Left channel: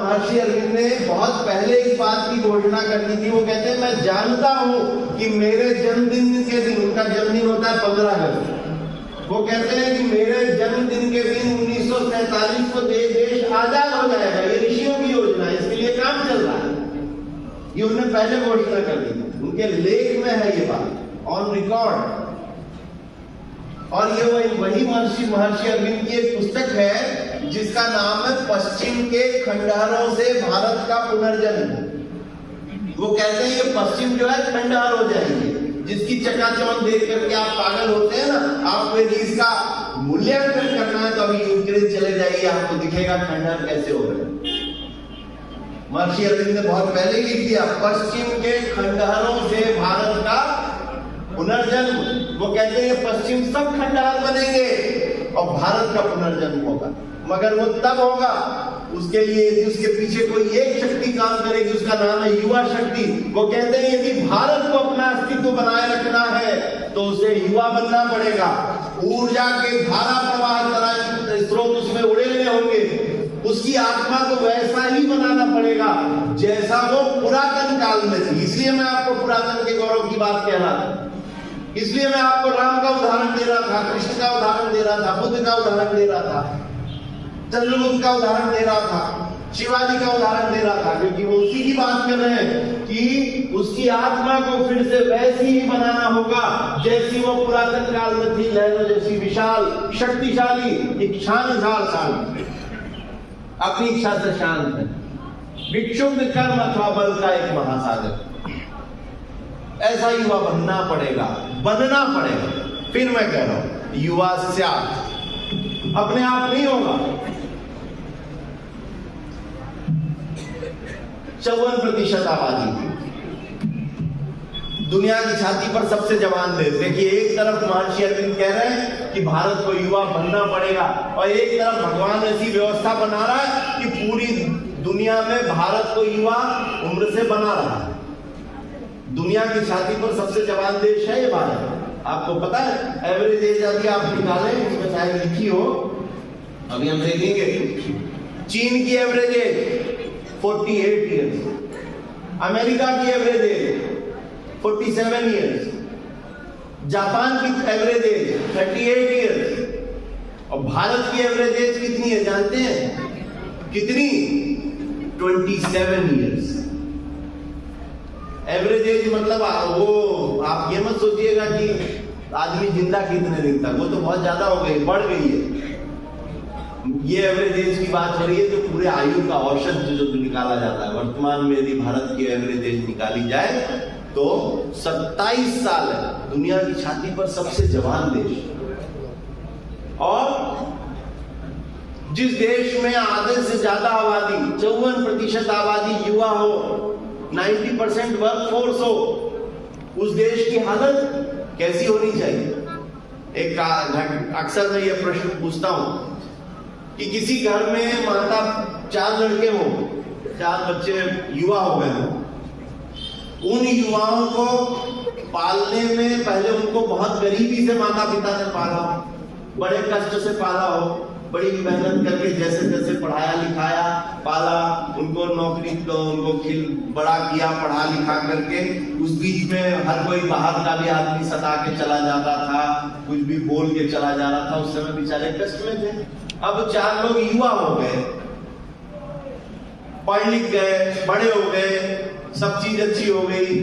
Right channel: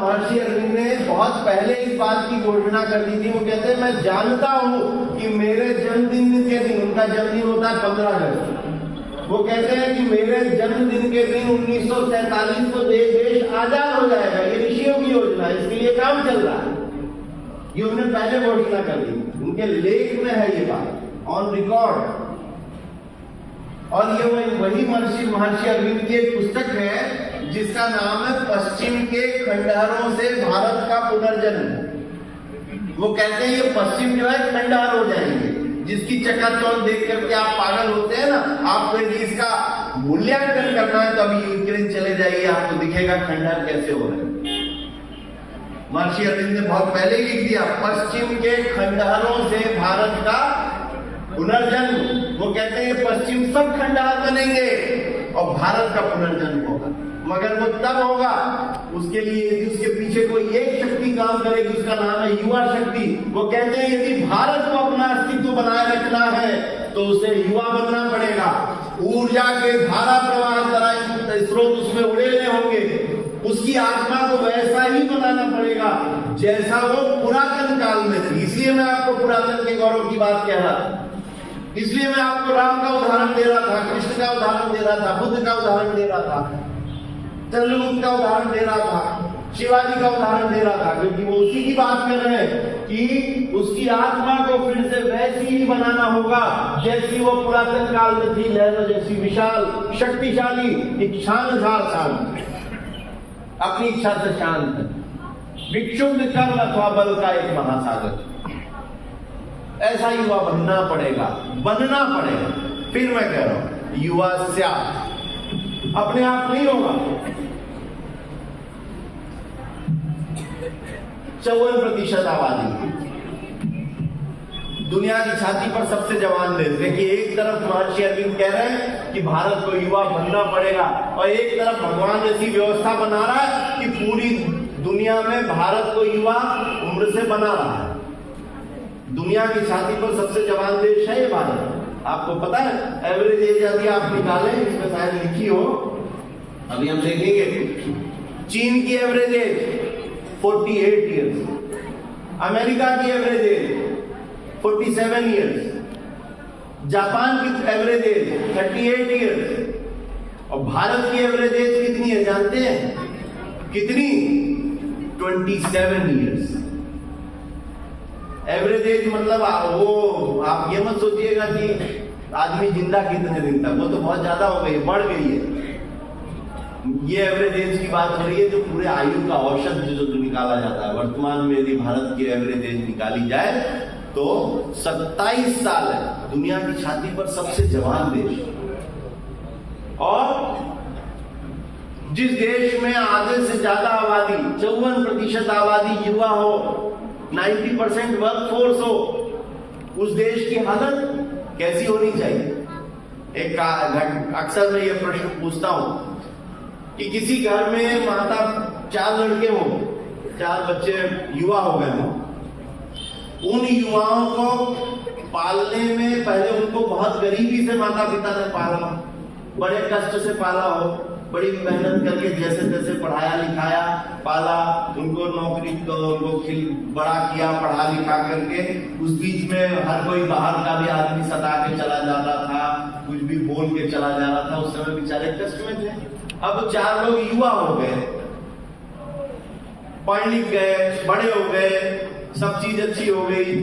महर्षि अरविंद ने बहुत पहले इस बात की घोषणा कर दी थी। वो कहते हैं मैं जानता हूं कि मेरे जन्मदिन के दिन, उनका जन्मदिन होता है 15 अगस्त, वो कहते हैं कि मेरे जन्मदिन के दिन 1947 को देश आजाद हो जाएगा। ये ऋषियों की योजना, इसके लिए काम चल रहा है। ये उन्होंने पहले घोषणा कर दी, उनके लेख में है ये बात, ऑन रिकॉर्ड। और ये वही महर्षि अरविंद की एक पुस्तक है जिसका नाम है पश्चिम के खंडहरों से भारत का पुनर्जन्म। वो कहते हैं ये पश्चिम जो है खंडहर हो जाएंगे, जिसकी चकाचौंध देख करके आप पागल होते हैं ना। आपको इसका मूल्यांकन करना है तो अभी यूक्रेन चले जाइए, आपको दिखेगा खंडहर कैसे हो रहे हैं। महर्षि अरविंद ने बहुत पहले ही लिख दिया, पश्चिम के खंडहरों से भारत का पुनर्जन्म। वो कहते हैं पश्चिम सब खंडहर बनेंगे और भारत का पुनर्जन्म होगा, मगर वो तब होगा उसके लिए उसके पीछे कोई एक शक्ति काम करेगी, उसका नाम है युवा शक्ति। वो कहते हैं यदि भारत को अपना अस्तित्व बनाए रखना है तो उसे युवा बनना पड़ेगा। ऊर्जा के धारा प्रवाह स्रोत उसमें उड़ेलने होंगे, उसकी आत्मा को वैसा ही बनाना पड़ेगा जैसा वो पुरातन काल में थी। इसलिए मैं आपको पुरातन के गौरव की बात कह रहा था, इसलिए मैं आपको राम का उदाहरण दे रहा था, कृष्ण का उदाहरण दे रहा था, बुद्ध का उदाहरण दे रहा था, चंद्रगुप्त का उदाहरण दे रहा था, शिवाजी का उदाहरण दे रहा था, क्योंकि वो उसी की बात कर रहे हैं कि उसकी आत्मा को फिर से वैसी ही बनाना होगा जैसी वो पुरातन काल में थी, लहरों जैसी विशाल, शक्तिशाली, इच्छानुसार शांत, अपनी इच्छा से शांत है, विक्षुब्ध कर्म अथवा बल का एक महासागर। ऐसा युवा बनना पड़ेगा। फिर मैं कह रहा हूं युवा स्यात्, अपने आप नहीं होगा। 54% आबादी दुनिया की छाती पर सबसे जवान देश। देखिए, एक तरफ महर्षि अरविंद कह रहे हैं कि भारत को युवा बनना पड़ेगा और एक तरफ भगवान ऐसी व्यवस्था बना रहा है कि पूरी दुनिया में भारत को युवा उम्र से बना रहा है। दुनिया की छाती पर सबसे जवान देश है ये भारत। आपको पता है एवरेज एज अभी आप निकालें, इसमें शायद लिखी हो, अभी हम देखेंगे। चीन की एवरेज एज 48 ईयर्स, अमेरिका की एवरेज एज 47 ईयर्स, जापान की एवरेज एज 38 ईयर्स और भारत की एवरेज एज कितनी है जानते हैं? कितनी? 27 ईयर्स। एवरेज एज मतलब वो आप ये मत सोचिएगा कि आदमी जिंदा कितने दिन तक, वो तो बहुत ज्यादा हो गई, बढ़ गई है। ये एवरेज एज की बात हो रही है जो पूरे आयु का औसत जो निकाला जाता है। वर्तमान में यदि भारत की एवरेज एज निकाली जाए तो 27 साल है। दुनिया की छाती पर सबसे जवान देश। और जिस देश में आधे से ज्यादा आबादी, 54% आबादी युवा हो, 90% वर्कफोर्स हो, उस देश की हालत कैसी होनी चाहिए? अक्सर मैं ये प्रश्न पूछता हूं कि किसी घर में माता 4 लड़के हो, 4 बच्चे युवा हो गए हो, उन युवाओं को पालने में पहले उनको बहुत गरीबी से माता पिता ने पाला, बड़े कष्ट से पाला हो, बड़ी मेहनत करके जैसे तैसे पढ़ाया लिखाया, पाला, उनको नौकरी उनको बड़ा किया, पढ़ा लिखा करके। उस बीच में हर कोई बाहर का भी आदमी सता के चला जाता था, कुछ भी बोल के चला जा रहा था। उस समय बेचारे कष्ट में थे। अब 4 लोग युवा हो गए, पढ़ लिख गए, बड़े हो गए, सब चीज अच्छी हो गई।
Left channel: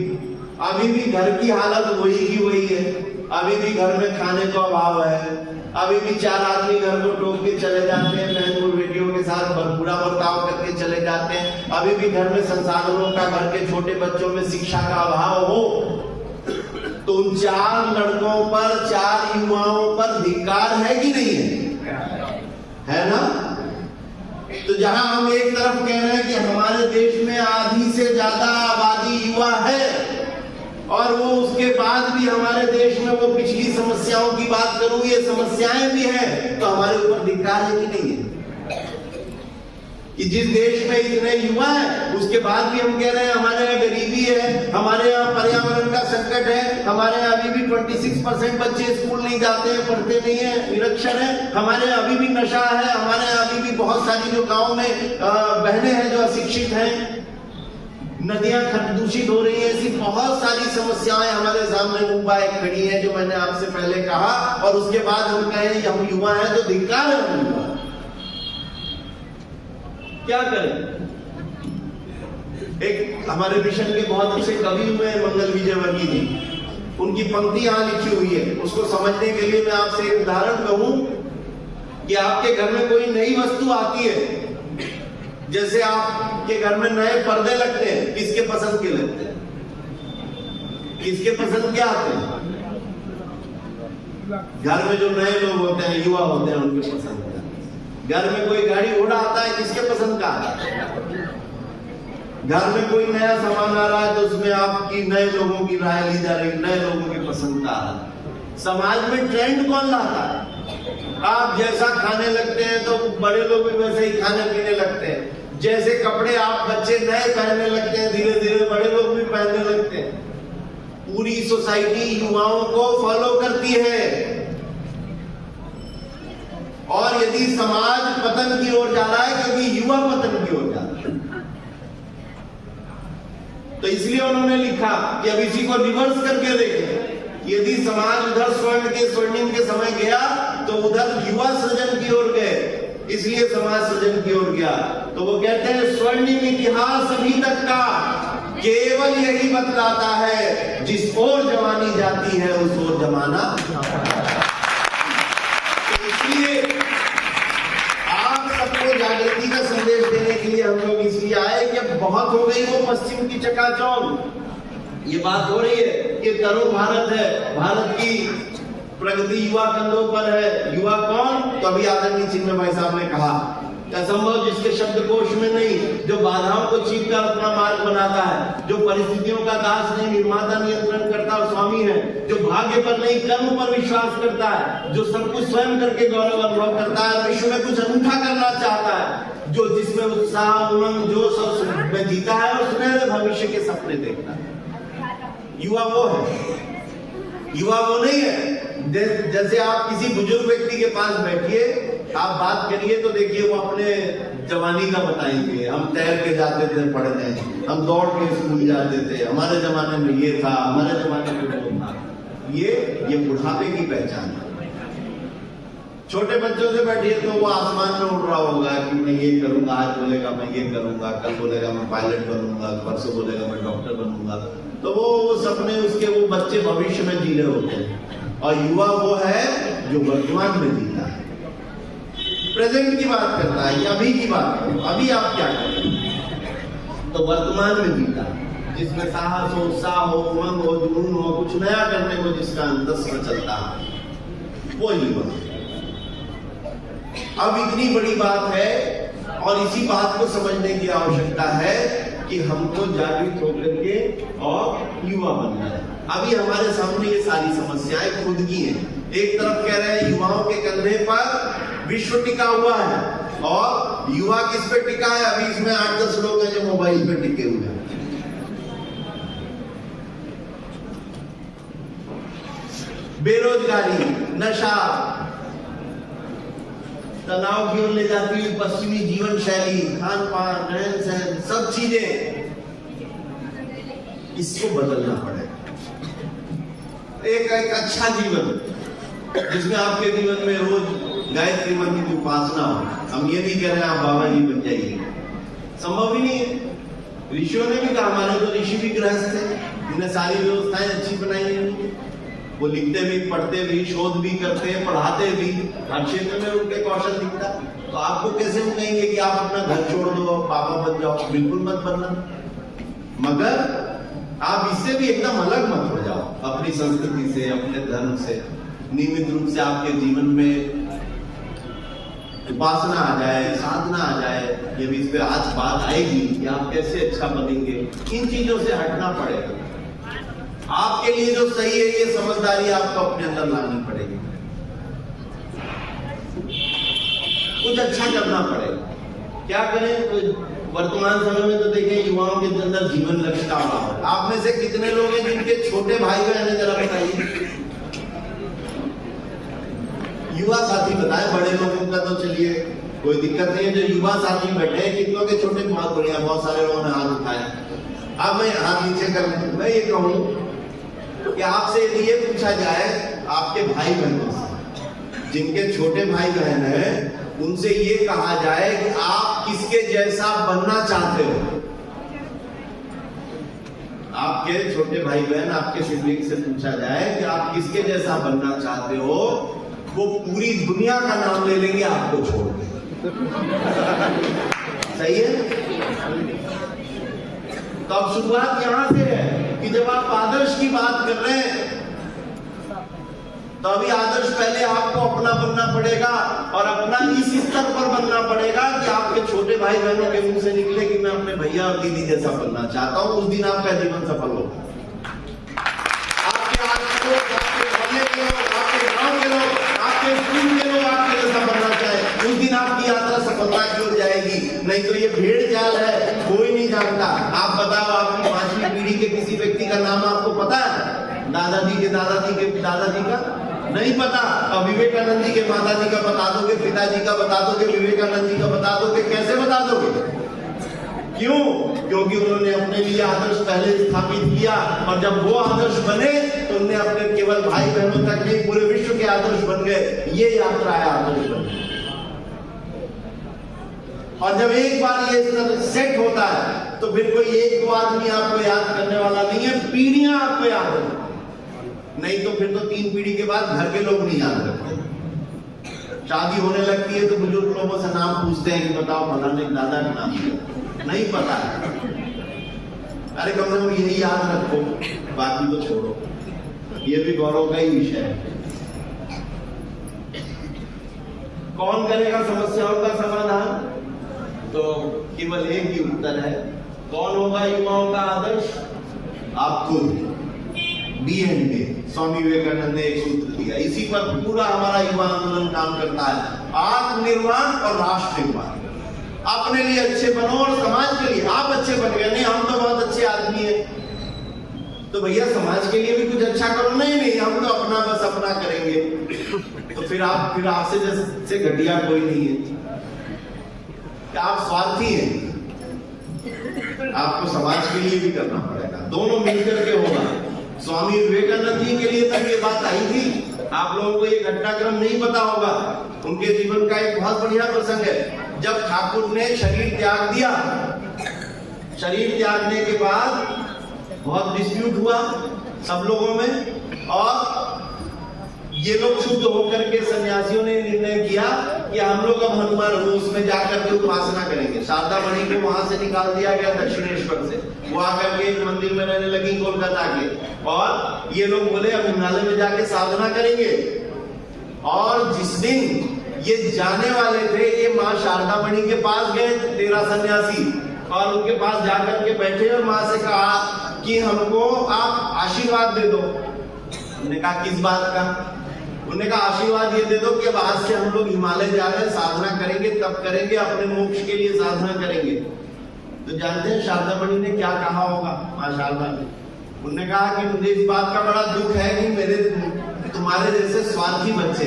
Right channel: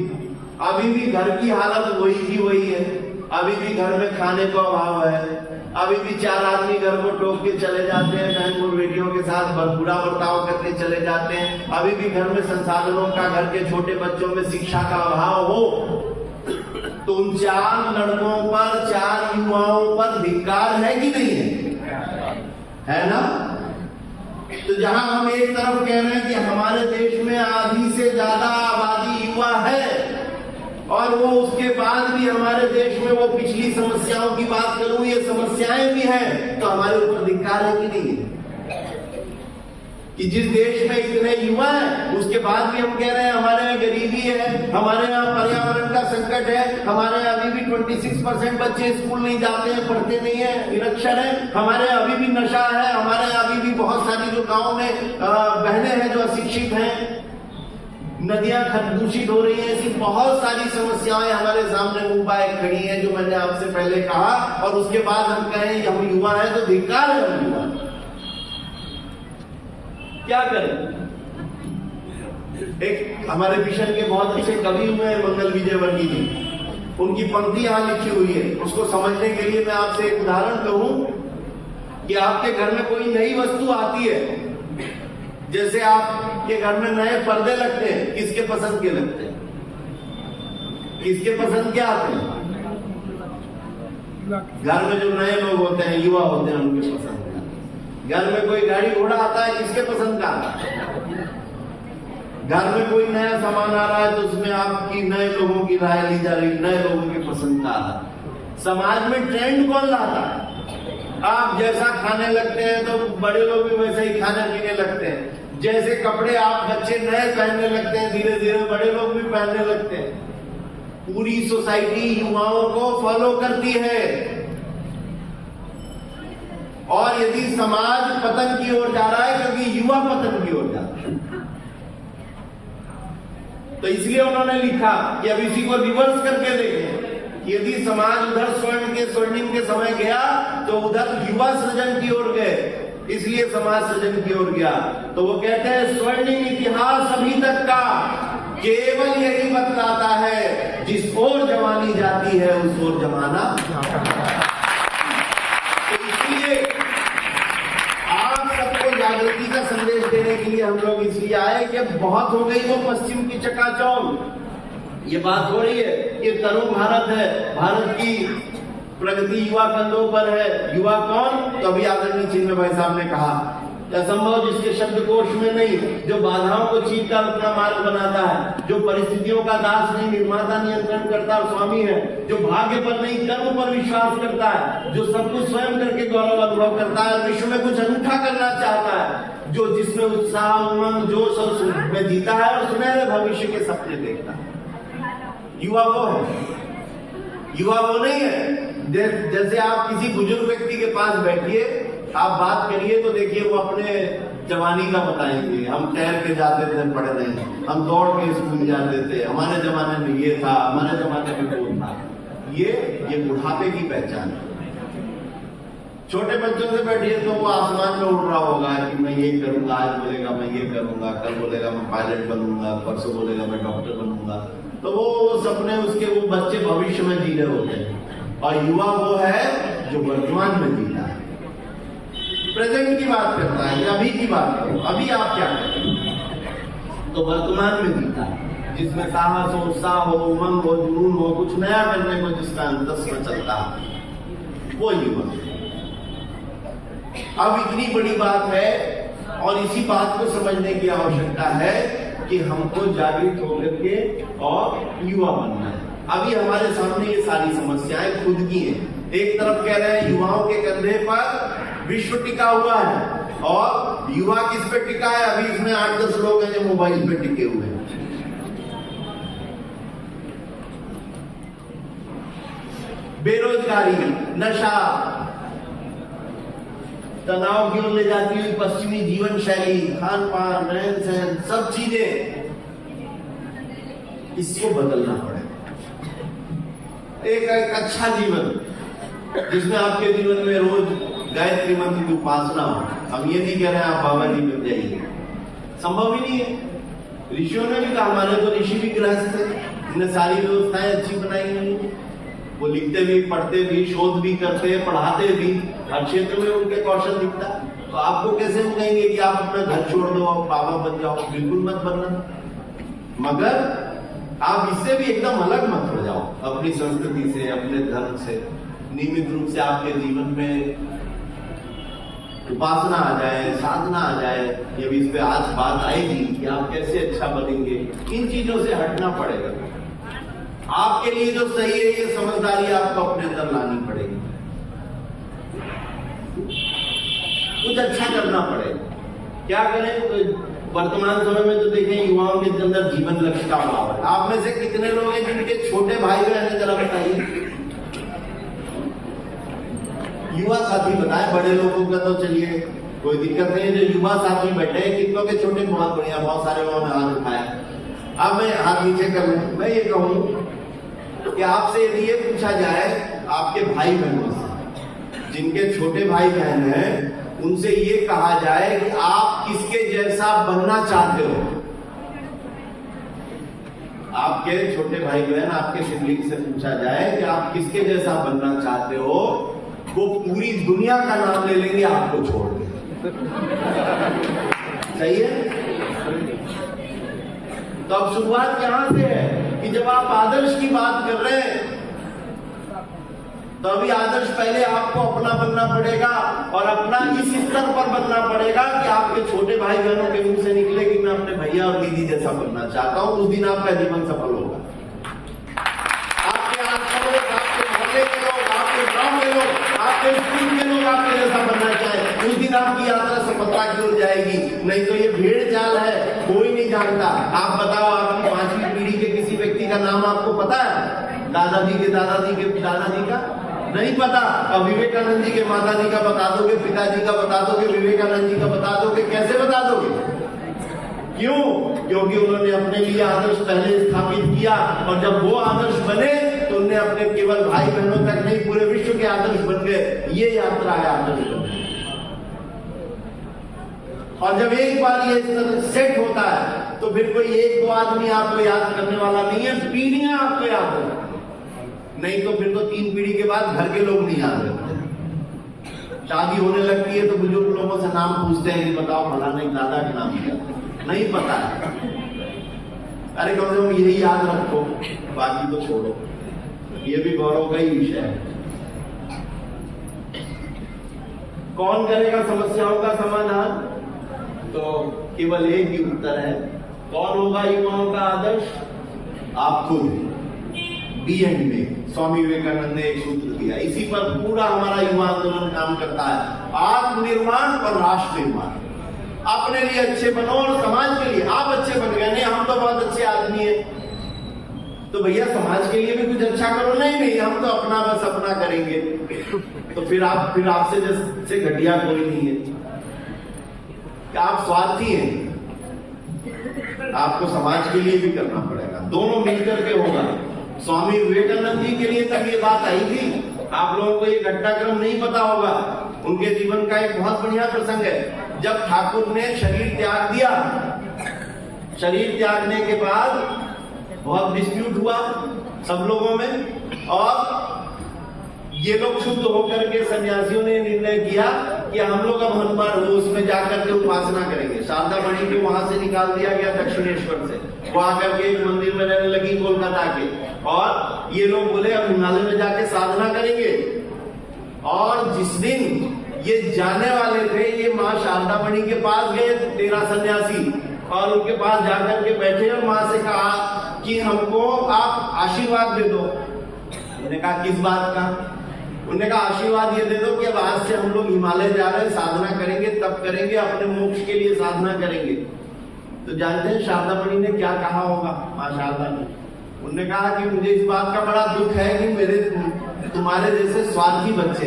अभी भी घर की हालत वही की वही है, अभी भी घर में खाने का अभाव है, अभी भी 4 आदमी घर को टोक के चले जाते हैं, बहन बेटियों के साथ बुरा बर्ताव करके चले जाते हैं। अभी भी घर में संसाधनों का, घर के छोटे बच्चों में शिक्षा का अभाव हो, तो उन 4 लड़कों पर, 4 युवाओं पर धिक्कार है कि नहीं है ना? तो जहां हम एक तरफ कह रहे हैं कि हमारे देश में आधी से ज्यादा आबादी युवा है और वो उसके बाद भी हमारे देश में वो पिछली समस्याओं की बात करूं, ये समस्याएं भी हैं, तो हमारे ऊपर धिक्कार है कि नहीं है? कि जिस देश में इतने युवा हैं उसके बाद भी हम कह रहे हैं हमारे यहाँ गरीबी है, हमारे यहाँ पर्यावरण का संकट है, हमारे यहाँ अभी भी 26% बच्चे स्कूल नहीं जाते हैं, पढ़ते नहीं है, निरक्षर है, हमारे यहाँ अभी भी नशा है, हमारे यहाँ अभी भी बहुत सारी जो गाँव में बहनें हैं जो नदियां दूषित हो रही हैं, ऐसी बहुत सारी समस्याएं हमारे सामने मुंह बाएं खड़ी हैं, जो मैंने आपसे पहले कहा। और उसके बाद हम कहें हम युवा हैं तो धिक्कार है हम युवा, क्या करें? एक हमारे मिशन के बहुत अच्छे कवि हुए मंगल विजय वर्गीय जी, उनकी पंक्ति यहां लिखी हुई है। उसको समझने के लिए मैं आपसे एक उदाहरण कहूं कि आपके घर में कोई नई वस्तु आती है, जैसे आपके घर में नए पर्दे लगते हैं, किसके पसंद के लगते हैं? किसके पसंद क्या आते हैं? घर में जो नए लोग होते हैं, युवा होते हैं, उनके पसंद का। घर में कोई गाड़ी घोड़ा आता है, किसके पसंद का आता है? घर में कोई नया सामान आ रहा है तो उसमें आपकी नए लोगों की राय ली जा रही, नए लोगों की पसंद का आ रहा है। समाज में ट्रेंड कौन लाता है? आप जैसा खाने लगते हैं तो बड़े लोग भी वैसे ही खाने पीने लगते हैं। जैसे कपड़े आप बच्चे नए पहनने लगते हैं, धीरे धीरे बड़े लोग भी पहनने लगते हैं। पूरी सोसाइटी युवाओं को फॉलो करती है। और यदि समाज पतन की ओर जा रहा है, क्योंकि युवा पतन की ओर जा रहा है, तो इसलिए उन्होंने लिखा कि अब इसी को रिवर्स करके देखें। यदि समाज उधर स्वर्णिम के समय गया तो उधर युवा सृजन की ओर गए, इसलिए समाज सृजन की ओर गया। तो वो कहते हैं स्वर्णिम इतिहास अभी तक का केवल यही बतलाता है, जिस ओर जवानी जाती है उस ओर जमाना जाता है। तो इसलिए आप सबको जागृति का संदेश देने के लिए हम लोग इसलिए आए कि अब बहुत हो गई वो पश्चिम की चकाचौंध। ये बात हो रही है कि तरुण भारत है, भारत की प्रगति युवा कंधों पर है। युवा कौन? तो अभी आदरणीय चिन्मय भाई साहब ने कहा, असंभव जिसके शब्दकोश में नहीं, जो बाधाओं को चीर कर अपना मार्ग बनाता है, जो परिस्थितियों का दास नहीं, निर्माता नियंत्रण करता और स्वामी है, जो भाग्य पर नहीं कर्म पर विश्वास करता है, जो सब कुछ स्वयं करके गौरव अनुभव करता है, विश्व में कुछ अनूठा करना चाहता है, जो जिसमें उत्साह उमंग जोश में जीता है और सुनहरे भविष्य के सपने देखता है। युवा वो है, युवा वो नहीं है। जैसे आप किसी बुजुर्ग व्यक्ति के पास बैठिए, आप बात करिए तो देखिए वो अपने जवानी का बताएंगे। हम तैर के जाते थे पढ़ने, हम दौड़ के स्कूल जाते थे, हमारे जमाने में ये था, हमारे जमाने में वो था। ये बुढ़ापे की पहचान है। छोटे बच्चों से बैठिए तो वो आसमान में उड़ रहा होगा कि मैं ये करूंगा, आज बोलेगा मैं ये करूंगा, कल बोलेगा मैं पायलट बनूंगा, परसों बोलेगा मैं डॉक्टर बनूंगा। तो वो सपने उसके वो बच्चे भविष्य में जी रहे होते हैं। और युवा वो है जो वर्तमान में जीता है, प्रेजेंट की बात करता है, अभी की बात करो, अभी आप क्या करें, तो वर्तमान में जीता है, जिसमें साहस हो, उत्साह हो, उमंग हो, जुनून हो, कुछ नया करने को जिसका अंतस्व चलता है, वो युवा। अब इतनी बड़ी बात है और इसी बात को समझने की आवश्यकता है कि हमको जागृत होकर के और युवा बनना है। अभी हमारे सामने ये सारी समस्याएं खुद की हैं। एक तरफ कह रहे हैं युवाओं के कंधे पर विश्व टिका हुआ है, और युवा किस पे टिका है? अभी इसमें 8-10 लोग हैं जो मोबाइल पे टिके हुए हैं। बेरोजगारी, नशा, तनाव की ओर ले जाती हुई पश्चिमी जीवन शैली, खान पान, रहन सहन, सब चीजें, इसको बदलना पड़ेगा। एक अच्छा जीवन जिसमें आपके जीवन में रोज गायत्री मंत्र की उपासना हो। हम ये नहीं कह रहे हैं आप बाबा जी बन जाइए, संभव ही नहीं है। ऋषियों ने भी कहा, हमारे तो ऋषि भी गृहस्थ थे, उन्हें सारी व्यवस्थाएं अच्छी बनाई हुई, वो लिखते भी, पढ़ते भी, शोध भी करते, पढ़ाते भी, हर क्षेत्र में उनके कौशल दिखता। तो आपको कैसे वो कहेंगे कि आप अपना घर छोड़ दो, बाबा बन जाओ? बिल्कुल मत बनना, मगर आप इससे भी एकदम अलग मत हो जाओ, अपनी संस्कृति से, अपने धर्म से। नियमित रूप से आपके जीवन में उपासना आ जाए, साधना आ जाए। जब इस पे आज बात आएगी कि आप कैसे अच्छा बनेंगे, इन चीजों से हटना पड़ेगा। आपके लिए जो सही है ये समझदारी आपको अपने अंदर लानी पड़ेगी, कुछ अच्छा करना पड़ेगा। क्या करें? तो वर्तमान समय में तो देखें युवाओं के अंदर जीवन लक्ष्य का अभाव है। आप में से कितने लोग हैं जिनके छोटे भाई बहन हैं, जरा बताइए। युवा साथी बताए, बड़े लोगों का तो चलिए कोई दिक्कत नहीं है। जो युवा साथी बैठे हैं, कितनों के छोटे, बहुत बढ़िया, बहुत सारे लोगों ने हाथ उठाए। अब मैं हाथ नीचे कर लें। मैं ये कहूं कि आपसे यदि ये पूछा जाए आपके भाई बहनों से, जिनके छोटे भाई बहन हैं, उनसे ये कहा जाए कि आप किसके जैसा बनना चाहते हो, आपके छोटे भाई बहन आपके सिबलिंग से पूछा जाए कि आप किसके जैसा बनना चाहते हो, वो पूरी दुनिया का नाम ले लेंगे आपको छोड़ के। सही है? तो अब शुरुआत यहां से है कि जब आप आदर्श की बात कर रहे हैं तो अभी आदर्श पहले आपको अपना बनना पड़ेगा और अपना इस स्तर पर बनना पड़ेगा कि आपके छोटे भाई बहनों के मुंह से निकले कि मैं अपने भैया और दीदी जैसा बनना चाहता हूं। उस दिन आपका जीवन सफल होगा। आपके आसपास लोग, आपके मोहल्ले के लोग, आपके गांव के लोग, आपके स्कूल के लोग आपके जैसा बनना चाहे, उस दिन आपकी यात्रा सफलता की ओर जाएगी। नहीं तो ये भेड़ चाल है, कोई नहीं जानता। आप बताओ, आपकी 5वीं पीढ़ी के किसी व्यक्ति का नाम आपको पता है? दादाजी के दादाजी के दादाजी का नहीं पता। अब विवेकानंद जी के माताजी का बता दोगे, पिताजी का बता दोगे, विवेकानंद जी का बता दोगे, कैसे बता दोगे? क्यों? क्योंकि उन्होंने अपने लिए आदर्श पहले स्थापित किया और जब वो आदर्श बने तो उन्होंने अपने केवल भाई बहनों तक नहीं, पूरे विश्व के आदर्श बन गए। ये यात्रा है आदर्श बनने। और जब एक बार ये सेट होता है तो फिर कोई एक दो आदमी आपको याद करने वाला नहीं है, पीढ़ियां आपको याद है। नहीं तो फिर तो 3 पीढ़ी के बाद घर के लोग नहीं याद रखते। शादी होने लगती है तो बुजुर्ग लोगों से नाम पूछते हैं कि बताओ फलाने दादा का नाम क्या, नहीं पता है। अरे कम से कम यही याद रखो, बाकी तो छोड़ो। ये भी गौरव का ही विषय है। कौन करेगा समस्याओं का समाधान? तो केवल एक ही उत्तर है, कौन होगा युवाओं का आदर्श? आप खुद। बी एंड में स्वामी विवेकानंद ने एक सूत्र दिया, इसी पर पूरा हमारा युवा आंदोलन काम करता है। आत्मनिर्माण और राष्ट्र निर्माण। अपने लिए अच्छे बनो और समाज के लिए। आप अच्छे बन गए, नहीं हम तो बहुत अच्छे आदमी हैं, तो भैया समाज के लिए भी कुछ अच्छा करो। नहीं हम तो अपना बस अपना करेंगे। तो फिर आपसे जैसे घटिया कोई नहीं है। क्या आप स्वार्थी हैं? आपको समाज के लिए भी करना पड़ेगा, दोनों मिलकर के होगा। स्वामी विवेकानंद जी के लिए तक ये बात आई थी। आप लोगों को ये घटनाक्रम नहीं पता होगा। उनके जीवन का एक बहुत बढ़िया प्रसंग है। जब ठाकुर ने शरीर त्याग दिया, शरीर त्यागने के बाद बहुत डिस्प्यूट हुआ सब लोगों में, और ये लोग शुद्ध होकर के सन्यासियों ने निर्णय किया कि हम लोग अब हनुमान उसमें जाकर के उपासना करेंगे। शारदा मणि को वहां से निकाल दिया गया दक्षिणेश्वर से, वो आकर के एक मंदिर में रहने लगी कोलकाता के, और ये लोग बोले अब हिमालय में जाके साधना करेंगे। और जिस दिन ये जाने वाले थे, ये माँ शारदा मणि के पास गए 13 सन्यासी, और उनके पास जाकर के बैठे और माँ से कहा कि हमको आप आशीर्वाद दे दो। उन्होंने कहा किस बात का? उन्होंने कहा आशीर्वाद ये दे दो कि अब आज से हम लोग हिमालय जा रहे हैं, साधना करेंगे, तब करेंगे, अपने मोक्ष के लिए साधना करेंगे। तो जानते हैं शारदा मणि ने क्या कहा होगा? माँ शारदा ने उन्होंने कहा कि मुझे इस बात का बड़ा दुख है कि मेरे तुम्हारे जैसे स्वार्थी बच्चे,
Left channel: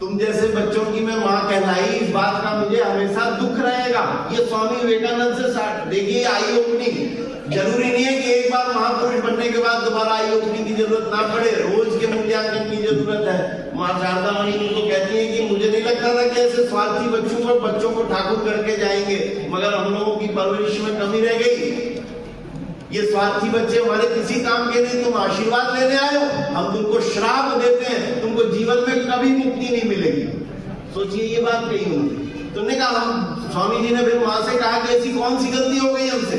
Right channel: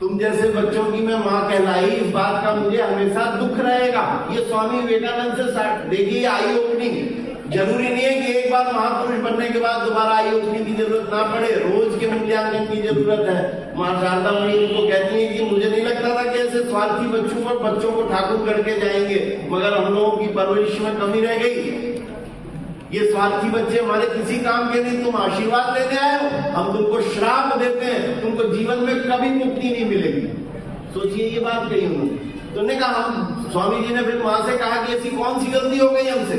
तुम जैसे बच्चों की मैं माँ कहलाई, इस बात का मुझे हमेशा दुख रहेगा। ये स्वामी विवेकानंद से देखिए आई ओपनिंग। जरूरी नहीं है कि एक बार महापुरुष बनने के बाद दोबारा आई ओपनिंग की जरूरत ना पड़े, रोज के मूल्यांकन की जरूरत है। माँ शारदा मणि उनको कहती है कि मुझे नहीं लगता था कि ऐसे स्वार्थी बच्चों को ठाकुर करके जाएंगे, मगर हम लोगों की परवरिश में कमी रह गई। ये स्वार्थी बच्चे हमारे किसी काम के नहीं, तुम आशीर्वाद लेने आए हो, हम तुमको श्राप देते हैं, तुमको जीवन में कभी मुक्ति नहीं मिलेगी। सोचिए ये बात कही उन्होंने। तुमने कहा, हम स्वामी जी ने फिर माँ से कहा कि ऐसी कौन सी गलती हो गई हमसे?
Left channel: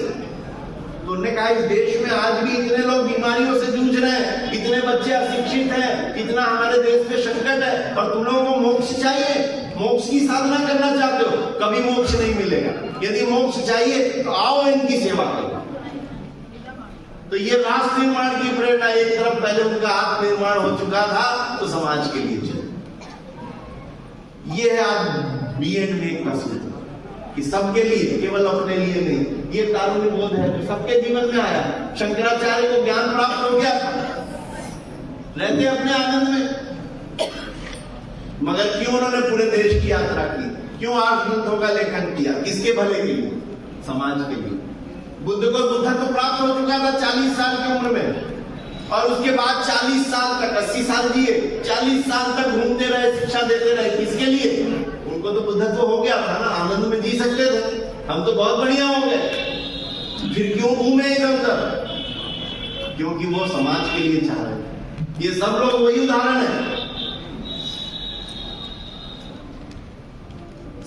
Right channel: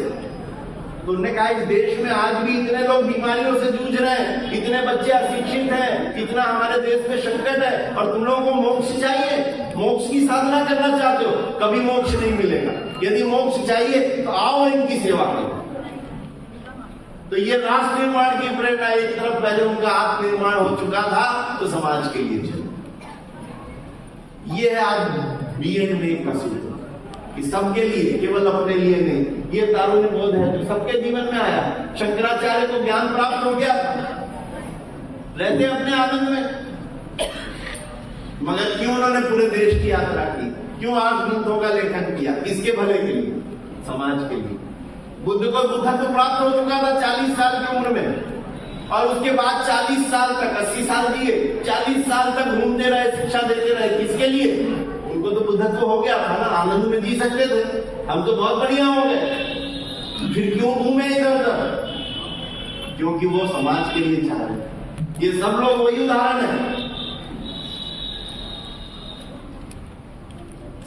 तो उन्होंने कहा इस देश में आज भी इतने लोग बीमारियों से जूझ रहे हैं, इतने बच्चे अशिक्षित हैं, इतना हमारे देश में संकट है, और तुम लोगों को मोक्ष चाहिए, मोक्ष की साधना करना चाहते हो, कभी मोक्ष नहीं मिलेगा। यदि मोक्ष चाहिए तो आओ इनकी सेवा करो। तो ये राष्ट्र निर्माण की प्रेरणा, एक तरफ पहले उनका आत्म निर्माण हो चुका था, तो समाज के लिए चलो। ये है आज बीएड में एक सूत्र कि सबके लिए, केवल अपने लिए नहीं। ये तारुण्य बोध है जो सबके जीवन में आया। शंकराचार्य को ज्ञान प्राप्त हो गया, रहते अपने आनंद में, मगर क्यों उन्होंने पूरे देश की यात्रा की? क्यों 8 ग्रंथों का लेखन किया? किसके भले के लिए? समाज के लिए। बुद्ध को बुद्धत्व प्राप्त हो चुका था 40 साल की उम्र में, और उसके बाद 40 साल तक 80 साल जिए, 40 साल तक घूमते रहे, शिक्षा देते रहे। किसके लिए? उनको तो बुद्धत्व हो गया था ना, आनंद में जी सकते थे। हम तो बहुत बढ़िया हो गए, फिर क्यों घूमे इधर उधर? क्योंकि वो समाज के लिए चाह रहे। ये सब लोग वही उदाहरण है,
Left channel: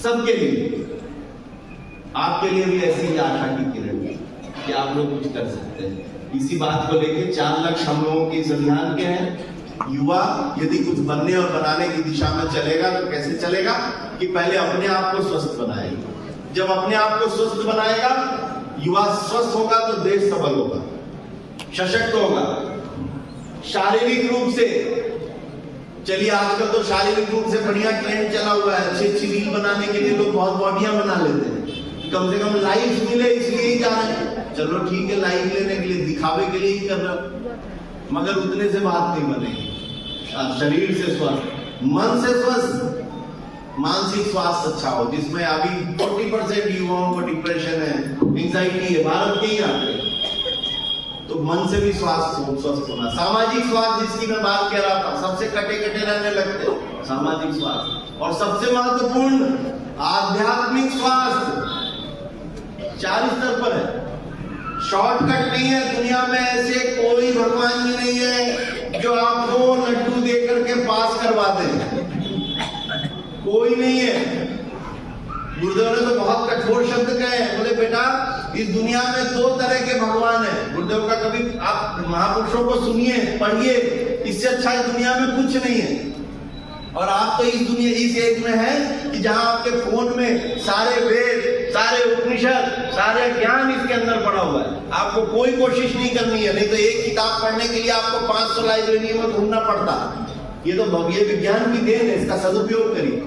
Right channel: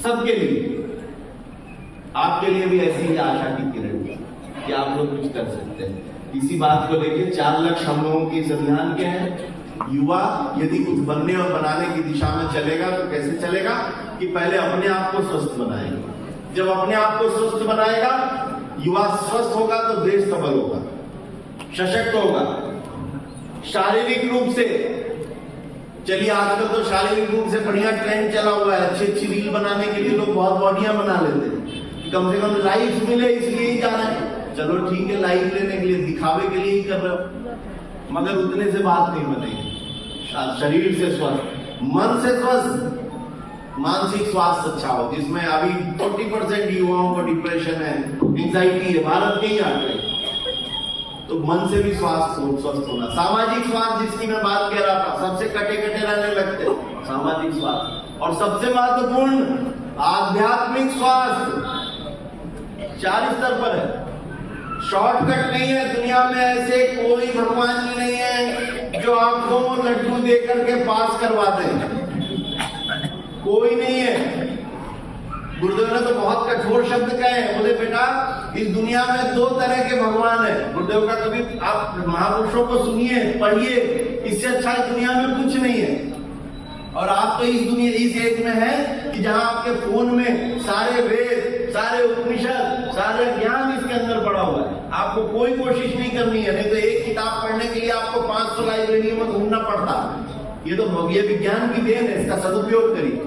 सबके लिए। आपके लिए भी ऐसी ही आशा की किरण है कि आप लोग कुछ कर सकते हैं। इसी बात को लेके 4 लक्ष्य हम लोगों के इस अभियान के हैं। युवा यदि कुछ बनने और बनाने की दिशा में चलेगा तो कैसे चलेगा कि पहले अपने आप को स्वस्थ बनाएगा। जब अपने आप को स्वस्थ बनाएगा, युवा स्वस्थ होगा तो देश सबल होगा, सशक्त होगा। शारीरिक रूप से, चलिए आजकल तो शारीरिक रूप से बढ़िया ट्रेंड चला हुआ है, अच्छी अच्छी रील बनाने के लिए लोग बहुत बॉडियां बना लेते हैं, कम से कम लाइक्स मिले इसलिए ही जा रहे हैं। चलो ठीक है, लाइक लेने के लिए, दिखावे के लिए ही कर रहे हो, मगर उतने से बात नहीं बनेगी। शरीर से स्वस्थ, मन से स्वस्थ, मानसिक स्वास्थ्य अच्छा हो, जिसमें अभी 40% युवाओं को डिप्रेशन है, एंजाइटी है, भारत के ही आते हैं। तो मन से भी स्वस्थ होना। सामाजिक स्वास्थ्य जिसकी मैं बात कह रहा था, सबसे कटे कटे रहने लगते हैं, सामाजिक स्वास्थ्य। और सबसे महत्वपूर्ण आध्यात्मिक स्वास्थ्य 4 स्तर पर है। शॉर्टकट नहीं है, दुनिया में ऐसे कोई भगवान जी नहीं है जो आपको लड्डू दे करके पास करवाते हैं, कोई नहीं है। गुरुदेव ने तो बहुत कठोर शब्द कहे हैं, बोले बेटा इस दुनिया में 2 तरह के भगवान हैं। गुरुदेव का कभी आप महापुरुषों को सुनिए, पढ़िए, इससे अच्छा इस दुनिया में कुछ नहीं है। और आप तो इस एज में हैं कि जहां आपके फोन में सारे वेद, सारे उपनिषद, सारे ज्ञान इसके अंदर पड़ा हुआ है। आपको कोई कोशिश नहीं करनी है, नहीं तो एक किताब पढ़ने के लिए आपको 500 लाइब्रेरियों में घूमना पड़ता। ये तो ये विज्ञान की देन है, इसका सदुपयोग करिए।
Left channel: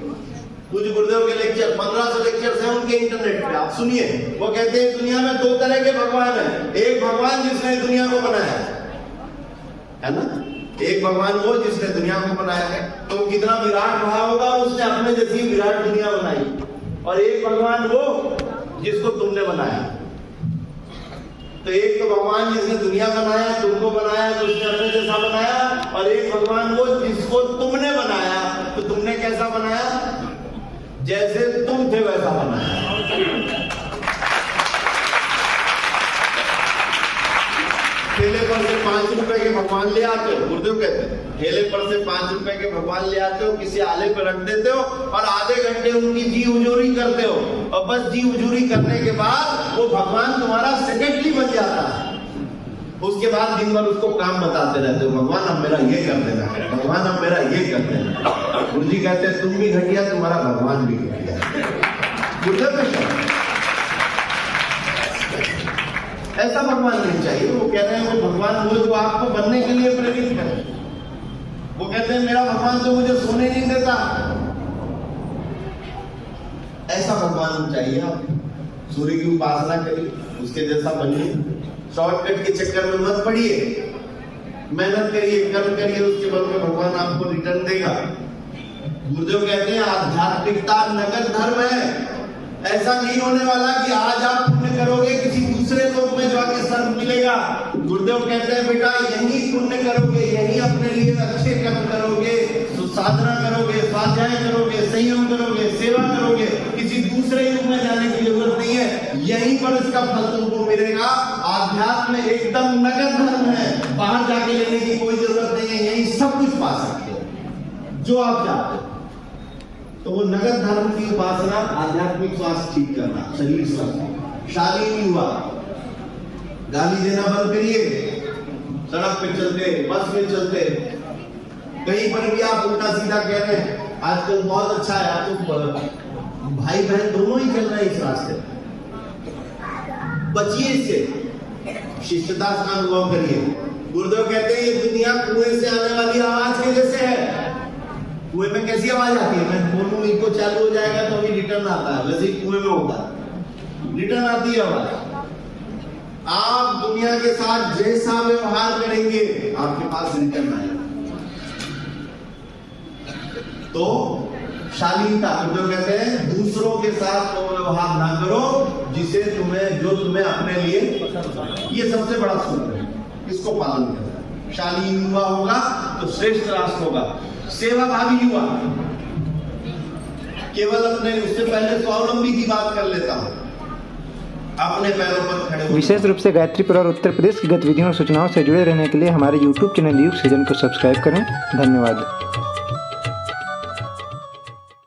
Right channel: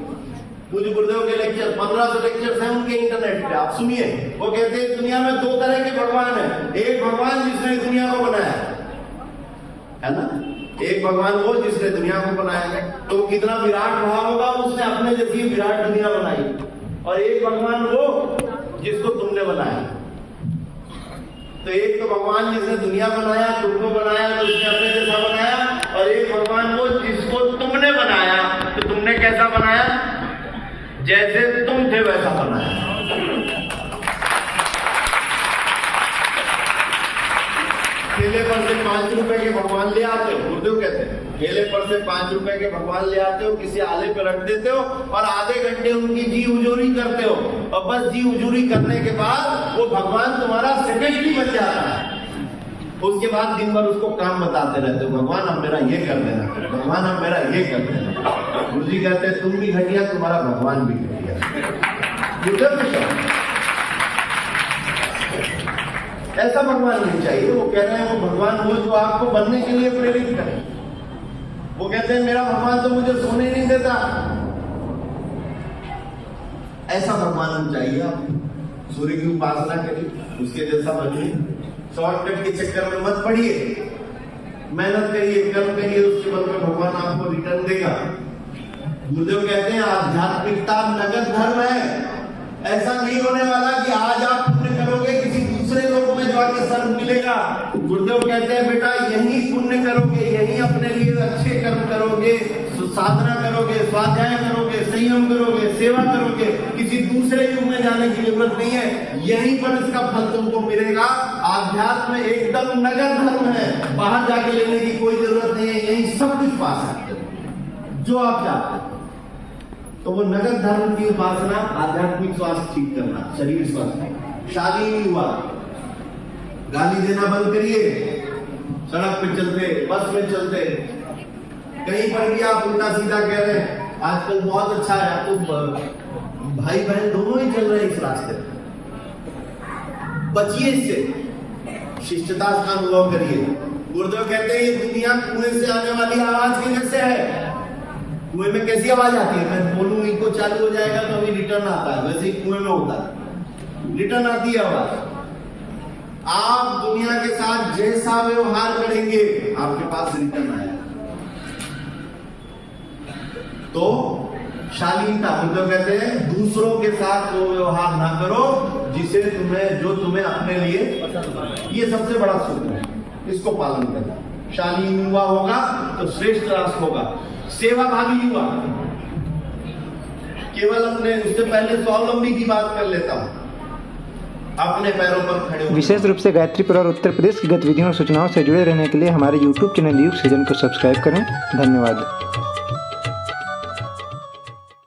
कुछ गुरुदेव के लेक्चर 1500 लेक्चर हैं उनके इंटरनेट पे, आप सुनिए। वो कहते हैं दुनिया में 2 तरह के भगवान हैं। एक भगवान जिसने दुनिया को बनाया है ना, एक भगवान वो जिसने दुनिया को बनाया है, तो वो कितना विराट रहा होगा, उसने अपने जैसी विराट दुनिया बनाई। और एक भगवान वो जिसको तुमने बनाया। तो एक तो भगवान जिसने दुनिया बनाया, तुमको बनाया, तो उसने अपने जैसा बनाया। और एक भगवान वो जिसको तुमने बनाया, तो तुमने कैसा बनाया? जैसे तुम थे वैसा बनाया। ठेले पर से 5 रुपए के भगवान ले आते हो, गुरुदेव कहते हैं, ठेले पर से 5 रुपए के भगवान ले आते हो, किसी आले पे रख देते हो और आधे घंटे उनकी जी हुजूरी करते हो। और बस जी हुजूरी करने के बाद वो भगवान तुम्हारा सेक्रेटरी बन जाता है। उसके बाद दिन भर उसको काम बताते रहते हो, भगवान अब मेरा ये कर देना, भगवान अब मेरा ये कर देना। गुरु जी कहते हैं तुम भी घटिया, तुम्हारा भगवान भी घटिया। ऐसा भगवान नहीं चाहिए। वो कह रहे हैं वो भगवान वो जो आपको बनने के लिए प्रेरित करे। वो कहते हैं मेरा भगवान तो मुझे सोने नहीं देता। ऐसा भगवान चाहिए। आप सूर्य की उपासना करिए, उसके जैसा बनिए। शॉर्टकट के चक्कर में मत पड़िए, मेहनत करिए, कर्म करिए, उसके बल में भगवान आपको रिटर्न देगा। गुरुदेव कहते हैं आध्यात्मिकता नगद धर्म है। ऐसा नहीं होने वाला कि आज आप पुण्य करोगे, किसी दूसरे लोक में जाके सर्व मिलेगा। गुरुदेव कहते हैं बेटा यही पुण्य करोगे, यही अपने लिए अच्छे कर्म करोगे, साधना करोगे, स्वाध्याय करोगे, संयम करोगे, सेवा करोगे, किसी दूसरे युग में जाने की जरूरत नहीं है। यहीं पर इसका फल तुमको मिलेगा। आध्यात्म एकदम नगद धर्म है, बाहर जाके लेने की कोई जरूरत नहीं है, यही सब कुछ पा सकते हो जो आप चाहते हो। तो वो नगद धर्म की उपासना, आध्यात्मिक स्वास्थ्य ठीक करना, शरीर स्वास्थ्य। शादी नहीं हुआ, गाली देना बंद करिए। सड़क पे चलते, बस में चलते, कहीं पर भी आप उल्टा सीधा कह रहे हैं। आजकल बहुत अच्छा है, आप तो भाई बहन दोनों ही चल रहे हैं इस रास्ते। बचिए इससे, शिष्टता का अनुभव करिए। गुरुदेव कहते हैं ये दुनिया कुएं से आने वाली आवाज के जैसे है। कुएं में कैसी आवाज आती है? मैं बोलूं इनको चालू हो जाएगा तो अभी रिटर्न आता है, वैसे ही कुएं में होता है, रिटर्न आती है आवाज। आप दुनिया के साथ जैसा व्यवहार करेंगे आपके पास रिटर्न आएगा। तो शालीनता, गुरुदेव कहते हैं दूसरों के साथ वो व्यवहार ना करो जो तुम्हें अपने लिए, ये सबसे बड़ा सूत्र है, इसको पालन करें। शालीन युवा होगा तो श्रेष्ठ राष्ट्र होगा। सेवाभावी युवा, केवल अपने, उससे पहले स्वावलंबी की बात कर लेता हूं, अपने पैरों पर खड़े। विशेष रूप से गायत्रीपुर और उत्तर प्रदेश की गतिविधियों और सूचनाओं से जुड़े रहने के लिए हमारे YouTube चैनल युग सृजन को सब्सक्राइब करें। धन्यवाद।